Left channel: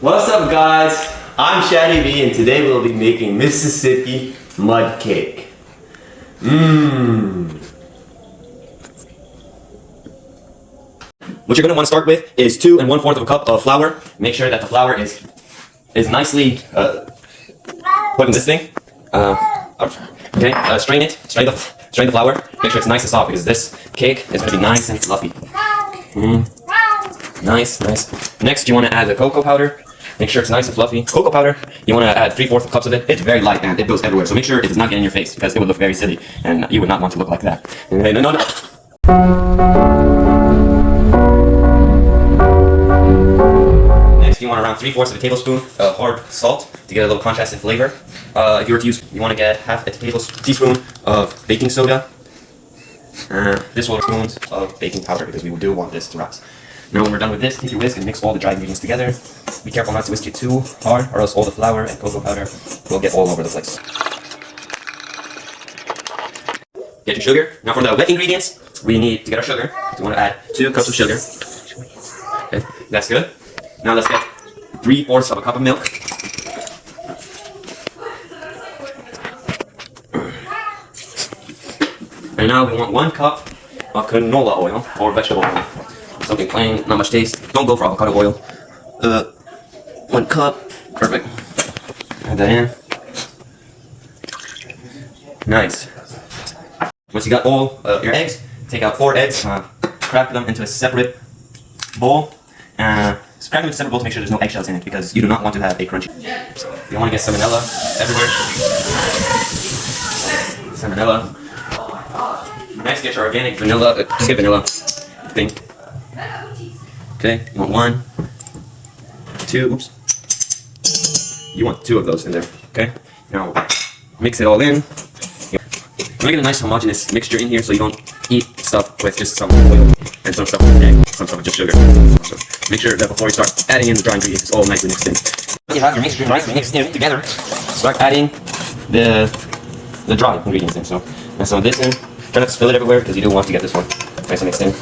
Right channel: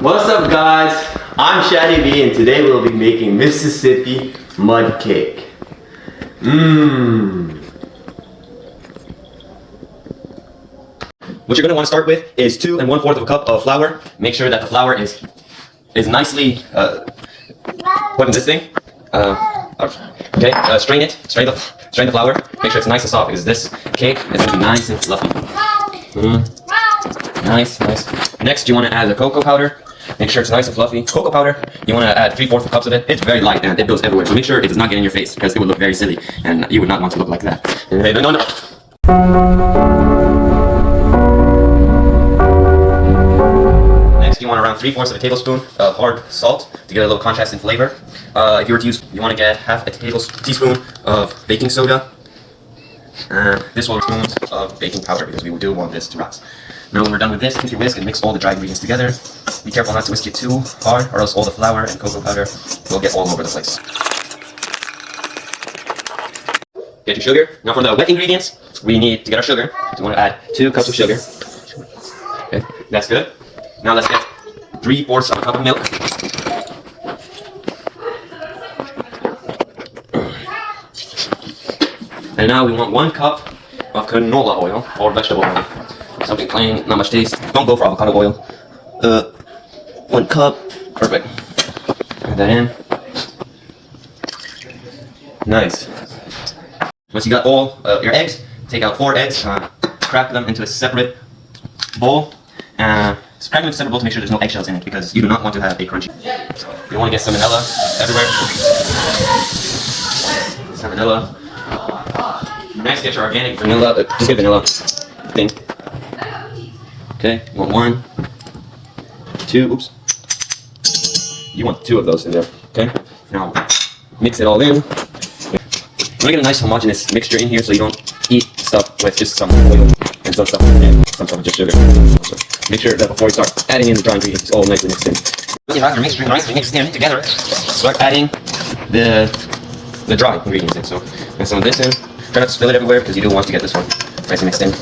What's up, guys? I'm Shadi B, and today we'll be making Mississippi mud cake. What you're gonna want to start with is 2 1/4 of a cup of flour. Make sure that the flour is nicely put in this thing. Okay, strain it. Strain the flour. Make sure it's nice and soft because this cake is gonna be nice and fluffy. Nice. Next, you want to add the cocoa powder. Make sure it's nice and fluffy. Cocoa powder, you want to add 3/4 cups of it. It's very light and it goes everywhere, so make sure it does not get in your face because it would look very silly and you would not want to look like that. No. Next, you want around 3/4 of a tablespoon of hard salt to get a little contrast in flavor. If you were to use, you want to get half a teaspoon of baking soda. This 1 spoon of baking powder because we do want this to rise. Now when we're done with this, take your whisk and mix all the dry ingredients together. Be careful not to whisk it too hard or else all the flour and cocoa powder will get all over the place. Get your sugar. Now for the wet ingredients, we need to get our sugar. So we want to add 2 cups of sugar. Okay, that's good. Now let's get 3/4 of a cup of milk. And now we want 1 cup of canola oil or vegetable oil. Something plain, not much taste. Don't go for avocado oil. 1 cup. Perfect. Add that in. Nice. Once you got all your eggs, take out 4 eggs, crack them into a separate bowl. Crack them into a separate bowl to make sure there's no eggshells in it because you do not want to have a crunchy. So you want to get some vanilla everywhere. Some vanilla. Next, get your organic vanilla. Just get vanilla thing. Okay, you want 1, 2, oops. You want 2 of those in there, okay? Now, mix it all in. We're gonna get a nice homogeneous mixture in here so you don't eat stuff with just some oil and some stuff with egg, some stuff with just sugar. So make sure that before you start adding in the dry ingredients, it's all nicely mixed in. When you have your mixture nicely mixed in together, start adding the dry ingredients in. So, get some of this in. Try not to spill it everywhere because you do want to get this one nicely mixed in.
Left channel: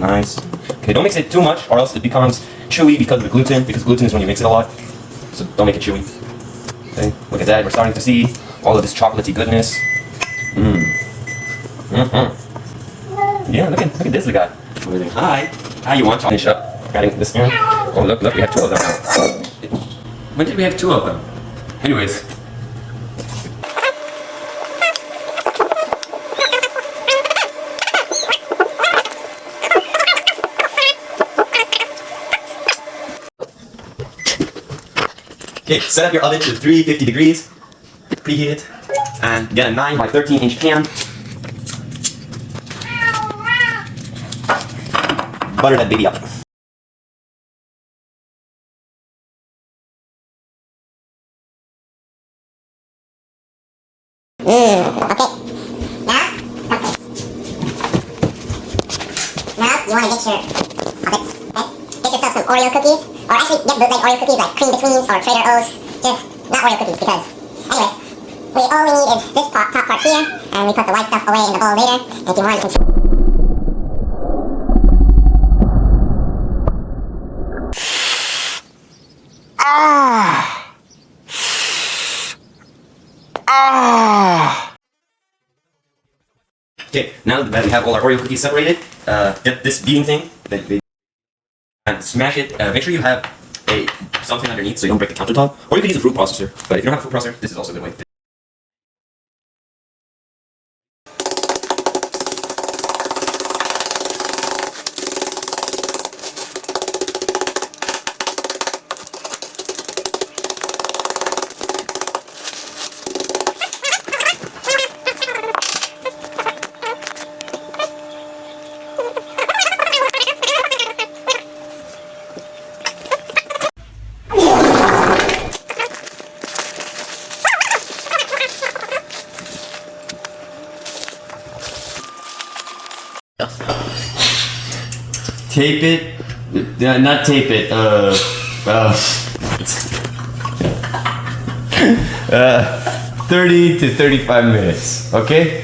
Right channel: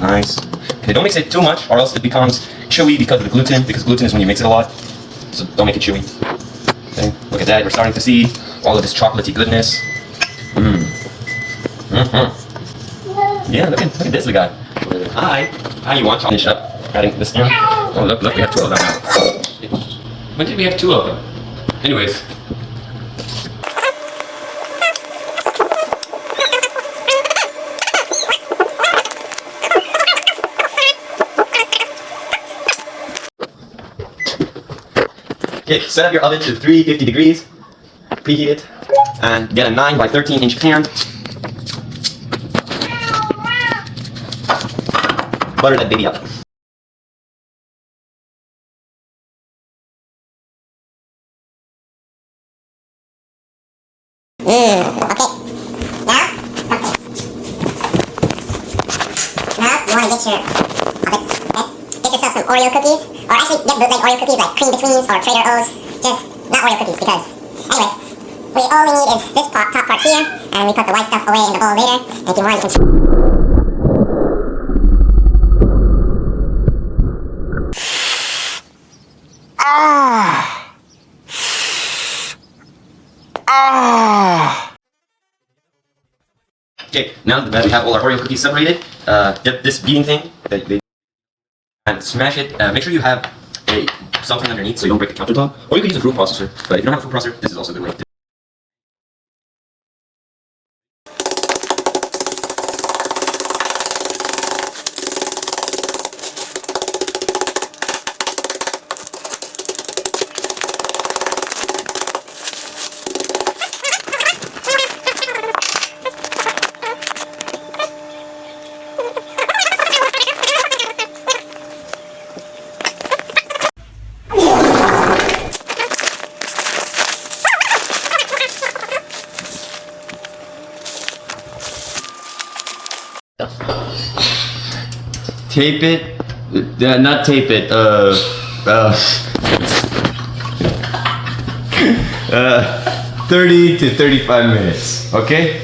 Nice. Okay, don't mix it too much or else it becomes chewy because of the gluten, because gluten is when you mix it a lot. So don't make it chewy. Okay, look at that. We're starting to see all of this chocolatey goodness. Yeah, look at this guy. Hi, you want to finish up adding this in? Oh, look, we have 2 of them now. When did we have 2 of them? Anyways. Okay, set up your oven to 350 degrees, preheat it, and get a 9 by 13 inch pan. Butter that baby up. Okay. Now you want to get your oven, okay? Get yourself some Oreo cookies, or actually get bootleg Oreo cookies like Cream Betweens or Trader O's. Just not Oreo cookies because, anyways, all we need is this top part here, and we put the white stuff away in the bowl later. And if you want, you can. Okay, now that we have all our Oreo cookies separated, get this beating thing and smash it. Make sure you have something underneath so you don't break the countertop. Or you can use a food processor, but if you don't have a food processor, this is also a good way. Tape it, not tape it, 30 to 35 minutes, okay?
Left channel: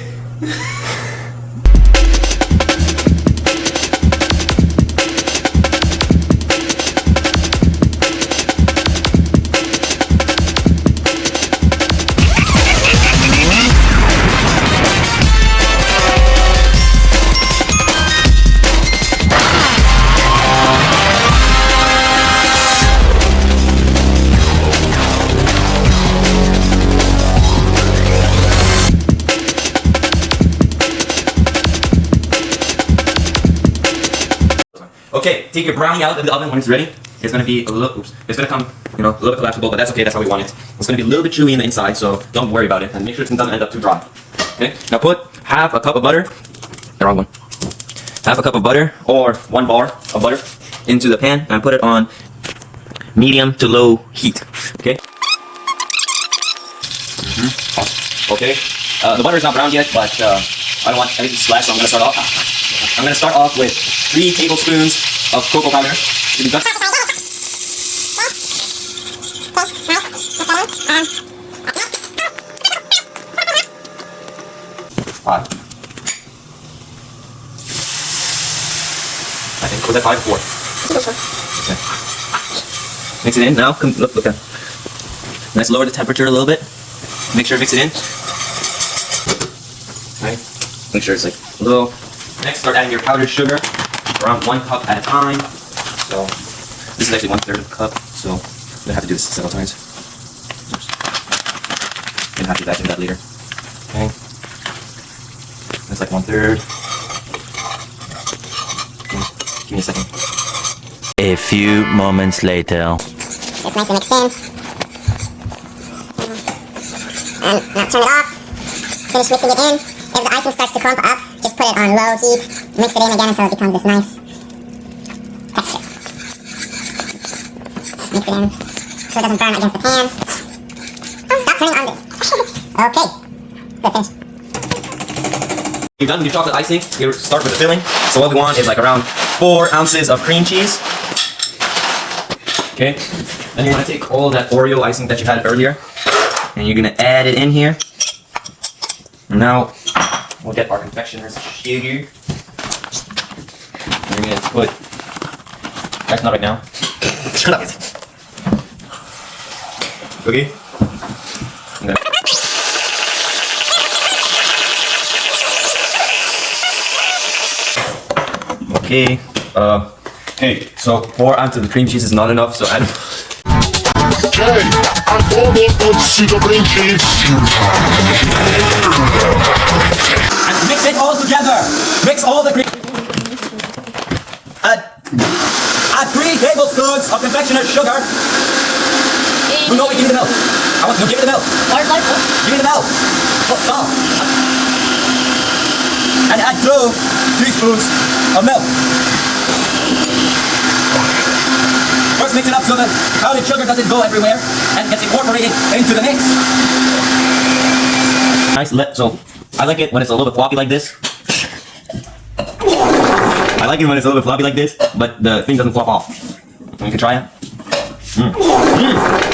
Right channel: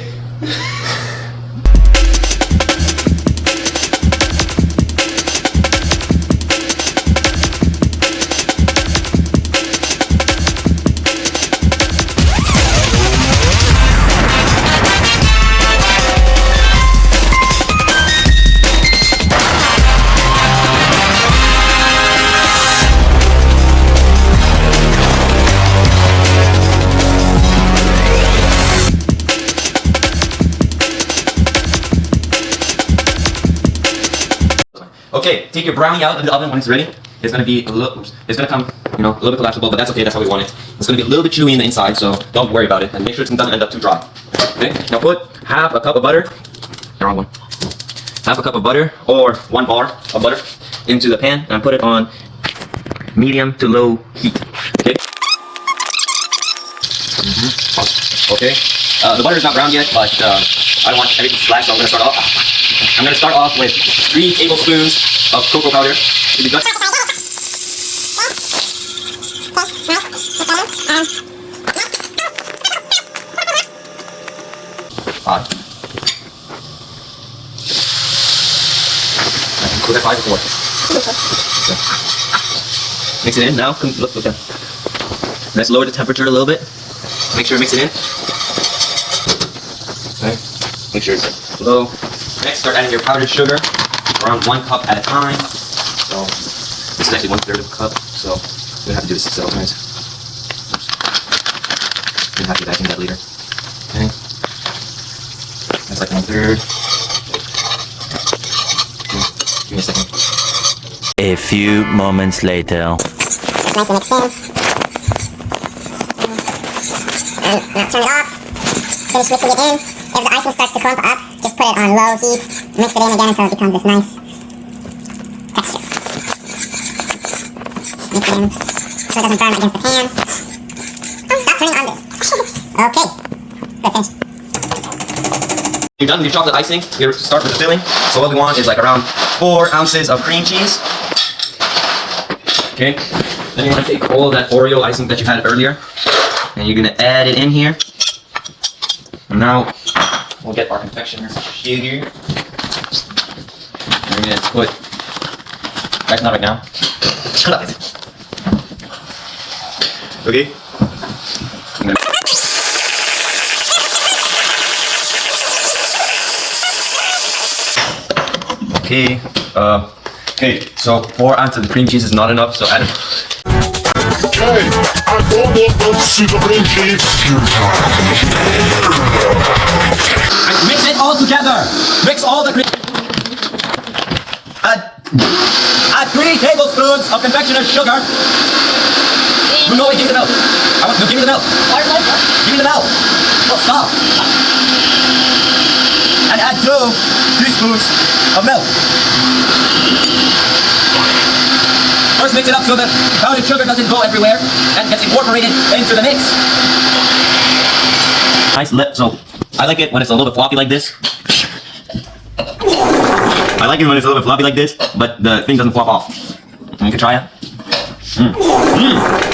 Okay, take your brownie out of the oven when it's ready. It's gonna be a little, it's gonna come, you know, a little bit collapsible, but that's okay, that's how we want it. It's gonna be a little bit chewy in the inside, so don't worry about it. And make sure it doesn't end up too dry. Okay, now put half a cup of butter, the wrong one. Half a cup of butter, or 1 bar of butter, into the pan, and put it on medium to low heat. Okay? Okay. The butter is not brown yet, but I don't want everything to splash, so I'm gonna start off. I'm gonna start off with 3 tablespoons of cocoa powder. To be done. 5. Put that 5 or 4. Okay. Mix it in now. Look there. Let's lower the temperature a little bit. Make sure I mix it in. Okay. Make sure it's like low. Next, start adding your powdered sugar, around 1 cup at a time. So this is actually 1/3 of a cup. So we're gonna have to do this several times. Oops. Gonna have to vacuum that later. Okay. That's like 1/3. Give me a second. A few moments later. It's nice to mix in. And now turn it off. Finish mixing it in. If the icing starts to clump up, just put it on low heat. Mix it in again until it becomes this nice texture. Mix it in so it doesn't burn against the pan. Oh, stop turning on it. Okay. Good, finish. You're done with your chocolate icing. You start with the filling. So what we want is like around 4 ounces of cream cheese. Okay. Then you want to take all that Oreo icing that you had earlier, and you're gonna add it in here. And now we'll get our confectioner's sugar. We're gonna put. That's not right now. Shut up. Okay. Okay. Okay. So 4 ounces of the cream cheese is not enough. So add. Okay, I'm all about to the cream cheese. Mix it all together. Mix all the cream. Add 3 tablespoons of confectioner's sugar. No, wait, give me the milk. No, give me the milk. What? Give me the milk. Oh, stop. And add 2 teaspoons of milk. First mix it up so that powdered sugar doesn't go everywhere and gets incorporated into the mix. Nice so I like it when it's a little bit floppy like this. I like it when it's a little bit floppy like this, but the thing doesn't flop off. You can try it.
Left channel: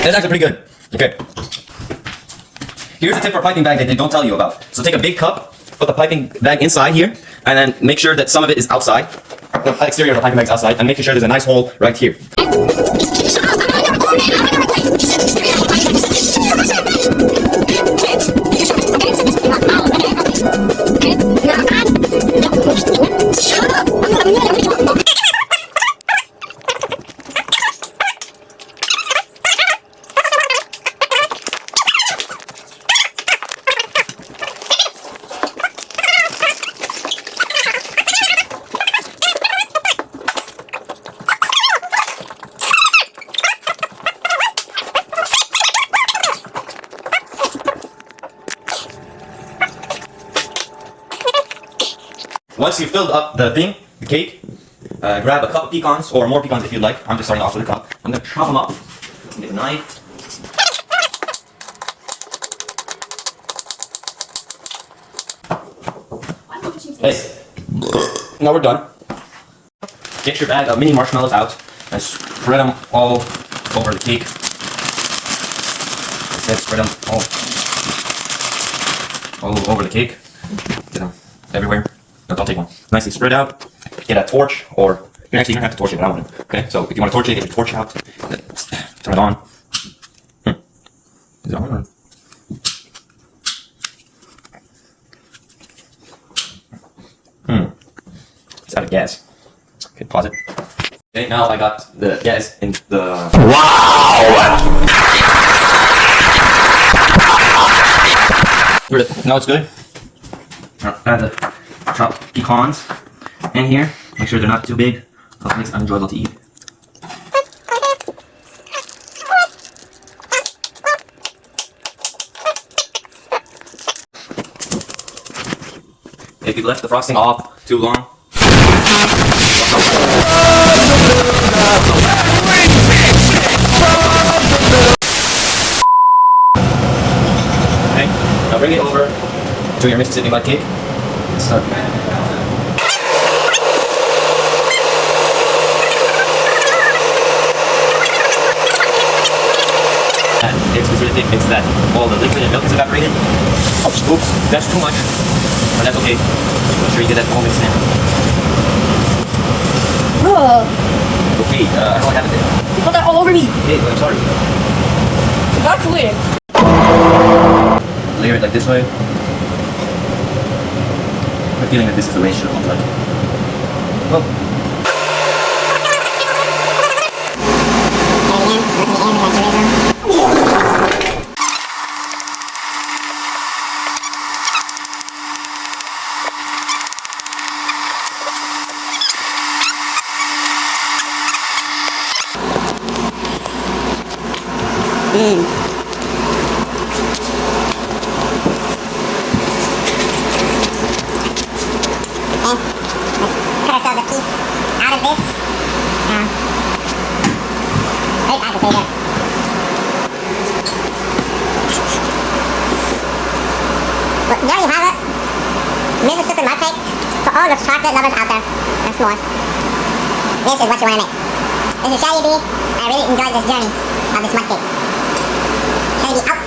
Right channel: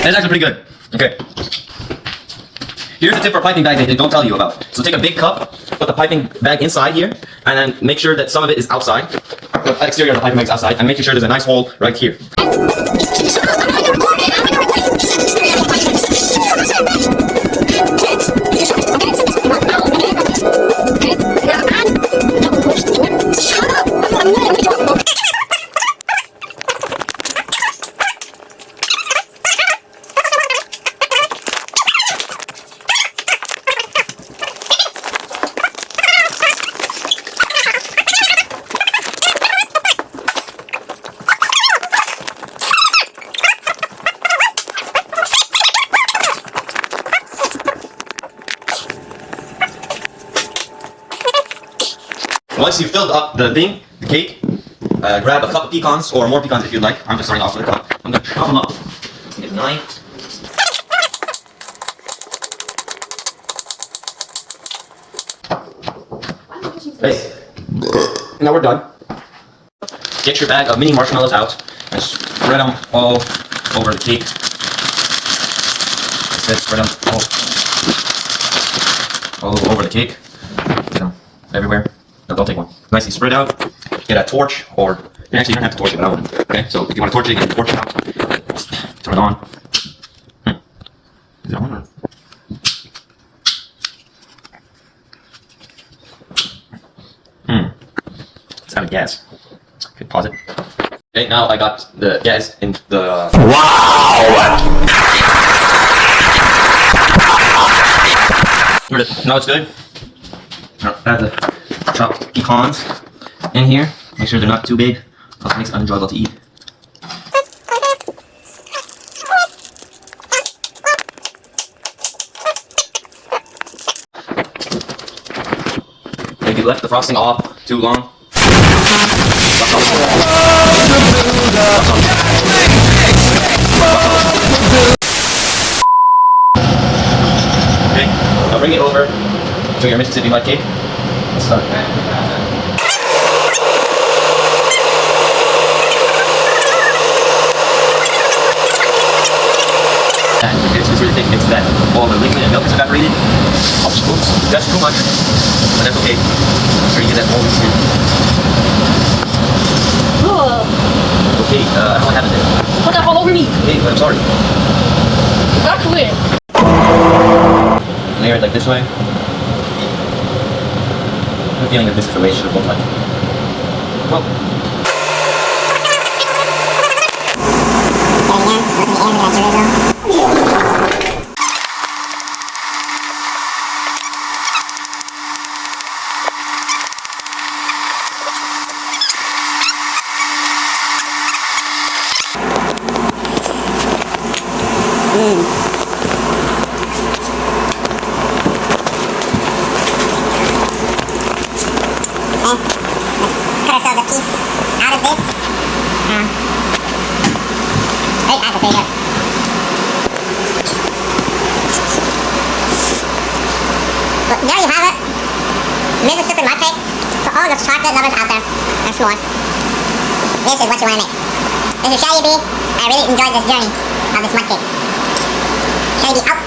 That's actually pretty good. Okay. Here's a tip for piping bag that they don't tell you about. So take a big cup, put the piping bag inside here, and then make sure that some of it is outside. The exterior of the piping bag is outside, and make sure there's a nice hole right here. Once you filled up the thing, the cake, grab a cup of pecans, or more pecans if you'd like. I'm just starting off with a cup. I'm going to chop them up. Get a knife. Hey, now we're done. Get your bag of mini marshmallows out and spread them all over the cake. Spread them all over the cake. Get them everywhere. No, don't take one. Nicely spread out. Get a torch, or actually you don't have to torch it, but I want to. Okay, so if you want to torch it, you get the torch out. Turn it on. Is it on? Or? It's out of gas. Okay, pause it. Okay, now I got the gas in the. Wow! Now it's good. Now add the chopped pecans in here. Make sure they're not too big. It makes unenjoyable to eat. If you left the frosting off too long, okay, now bring it over to your Mississippi mud cake. Let's start. It's really thick. It's that all the liquid and milk is evaporated. Oops, that's too much. But that's okay. Make sure you get that all this in. Okay, I don't have it. Put that all over me. Hey, but I'm sorry. Actually. Layer it like this way. I'm feeling like this is the way it should look like. Well, Cut ourselves a piece out of this. Right at the there you go. Well, there you have it. Mississippi mud cake for all the chocolate lovers out there. And s'mores. This is what you want to make. This is Shaggy B. I really enjoyed this journey of this mud cake. Shaggy B out.